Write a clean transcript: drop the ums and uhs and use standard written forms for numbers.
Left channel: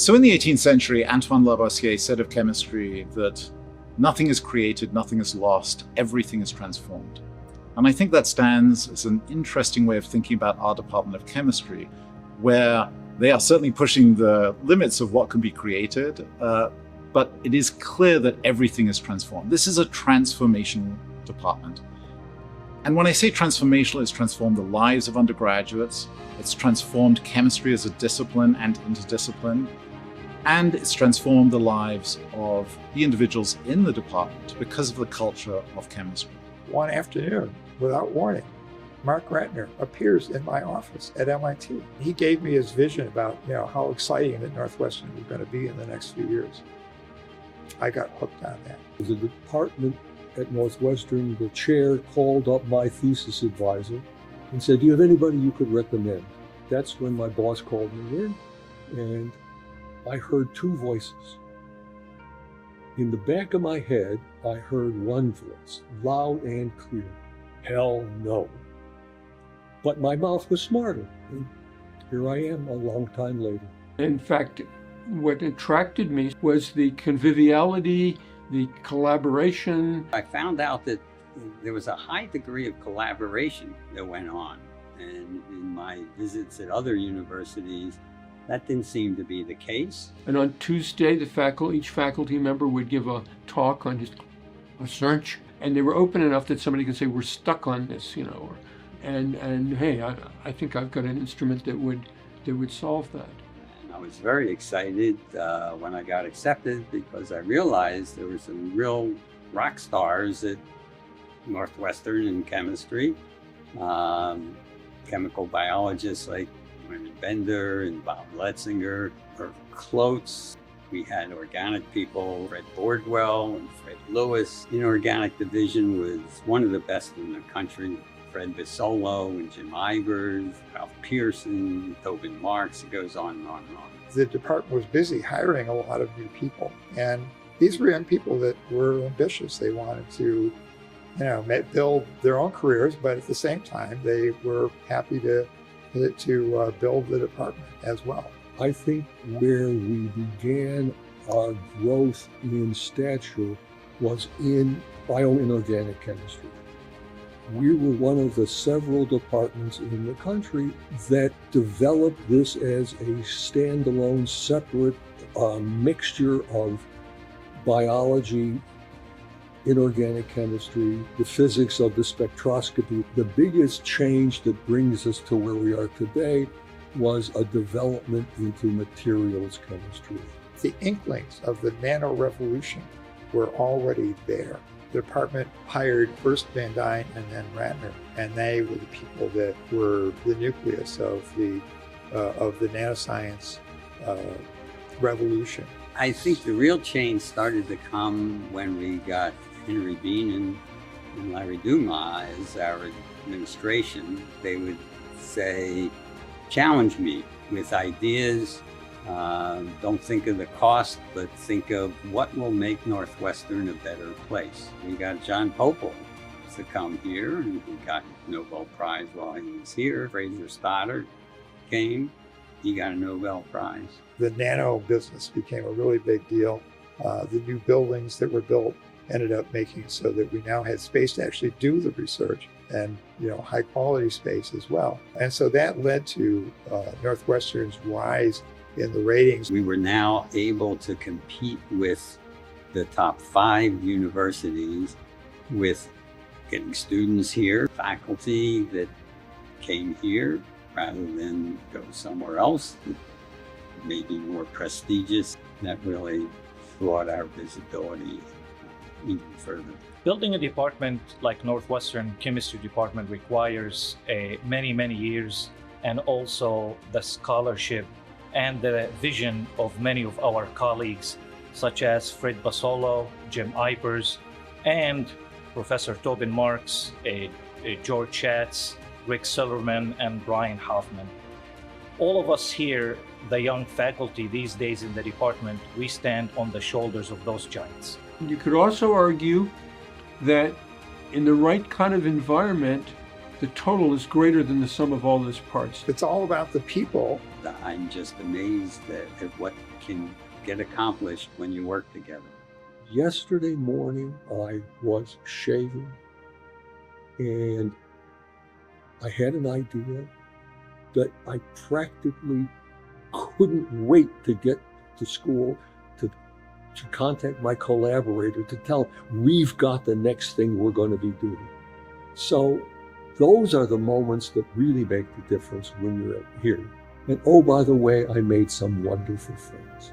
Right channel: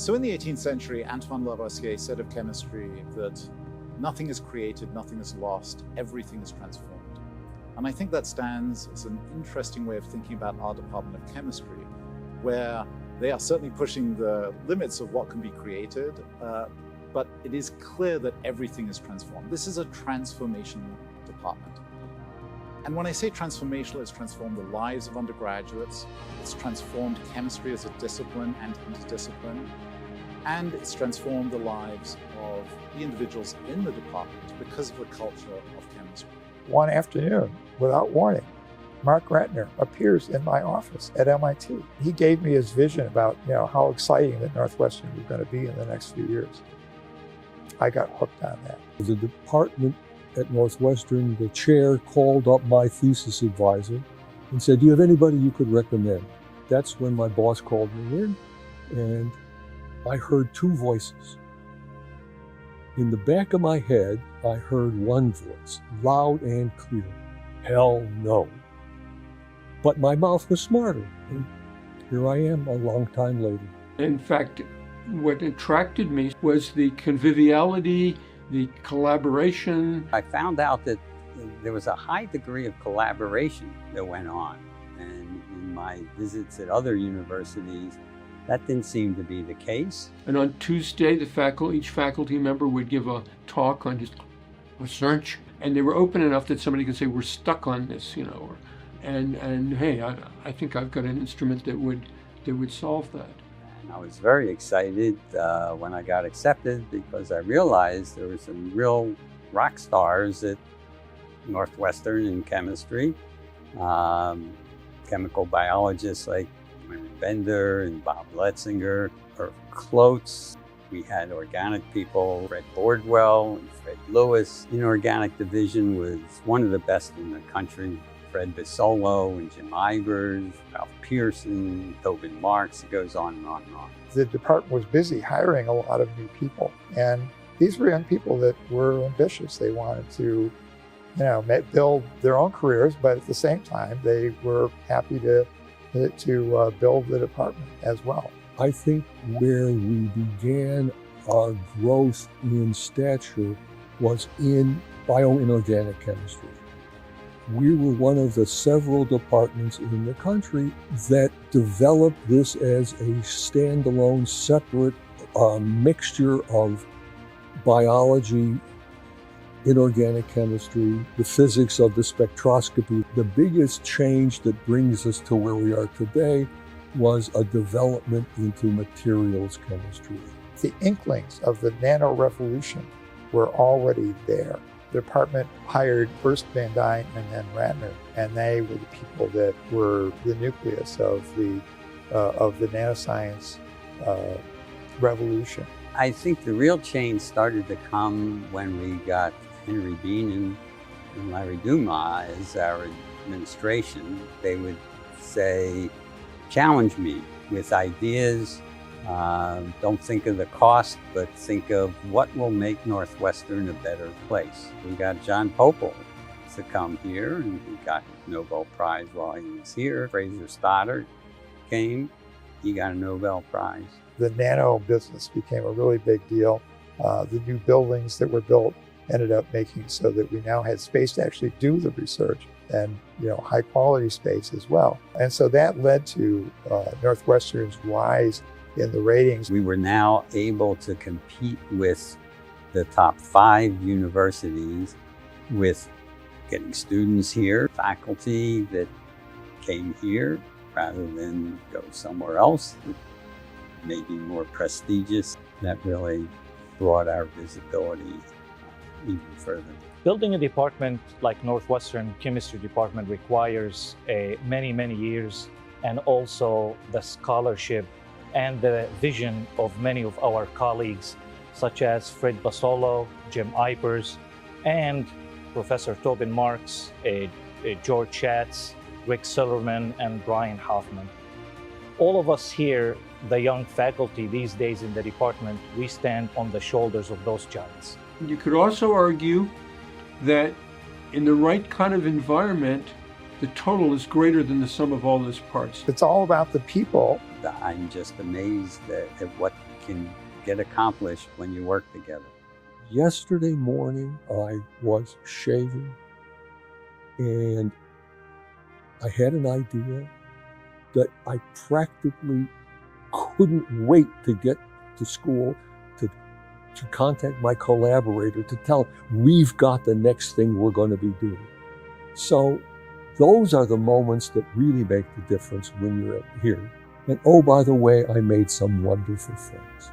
So in the 18th century, Antoine Lavoisier said of chemistry that nothing is created, nothing is lost, everything is transformed. And I think that stands as an interesting way of thinking about our Department of Chemistry, where they are certainly pushing the limits of what can be created, but it is clear that everything is transformed. This is a transformational department. And when I say transformational, it's transformed the lives of undergraduates, it's transformed chemistry as a discipline and interdiscipline, and it's transformed the lives of the individuals in the department because of the culture of chemistry. One afternoon, without warning, Mark Ratner appears in my office at MIT. He gave me his vision about how exciting that Northwestern was going to be in the next few years. I got hooked on that. The department at Northwestern, the chair called up my thesis advisor and said, "Do you have anybody you could recommend?" That's when my boss called me in, and I heard two voices. In the back of my head, I heard one voice, loud and clear: "Hell no." But my mouth was smarter, and here I am a long time later. In fact, what attracted me was the conviviality, the collaboration. I found out that there was a high degree of collaboration that went on. And in my visits at other universities, that didn't seem to be the case. And on Tuesday, each faculty member would give a talk on his research, and they were open enough that somebody could say, "We're stuck on this," and hey, I think I've got an instrument that would solve that. And I was very excited when I got accepted, because I realized there were some real rock stars at Northwestern in chemistry. Chemical biologists like Leonard Bender and Bob Letzinger, Irv Klotz. We had organic people, Fred Bordwell and Fred Lewis. Inorganic division was one of the best in the country. Fred Bisolo and Jim Ivers, Ralph Pearson, Tobin Marks, it goes on and on and on. The department was busy hiring a lot of new people, and these were young people that were ambitious. They wanted to build their own careers, but at the same time, they were happy to build the department as well. I think where we began our growth in stature was in bioinorganic chemistry. We were one of the several departments in the country that developed this as a standalone, separate mixture of biology, inorganic chemistry, the physics of the spectroscopy. The biggest change that brings us to where we are today was a development into materials chemistry. The inklings of the nano revolution were already there. The department hired first Van Dyne and then Ratner, and they were the people that were the nucleus of the nanoscience revolution. I think the real change started to come when we got Henry Bean and Larry Dumas as our administration. They would say, "Challenge me with ideas. Don't think of the cost, but think of what will make Northwestern a better place." We got John Popel to come here, and he got a Nobel Prize while he was here. Fraser Stoddard came, he got a Nobel Prize. The nano business became a really big deal. The new buildings that were built ended up making so that we now had space to actually do the research, and high quality space as well. And so that led to Northwestern's rise in the ratings. We were now able to compete with the top 5 universities with getting students here, faculty that came here rather than go somewhere else, maybe more prestigious. That really brought our visibility even further. Building a department like Northwestern Chemistry Department requires many, many years, and also the scholarship and the vision of many of our colleagues, such as Fred Basolo, Jim Ivers, and Professor Tobin Marks, George Schatz, Rick Silverman, and Brian Hoffman. All of us here, the young faculty these days in the department, we stand on the shoulders of those giants. You could also argue that in the right kind of environment, the total is greater than the sum of all those parts. It's all about the people. I'm just amazed at what can get accomplished when you work together. Yesterday morning, I was shaving, and I had an idea that I practically couldn't wait to get to school to contact my collaborator to tell him, we've got the next thing we're going to be doing. So those are the moments that really make the difference when you're here. And oh, by the way, I made some wonderful friends.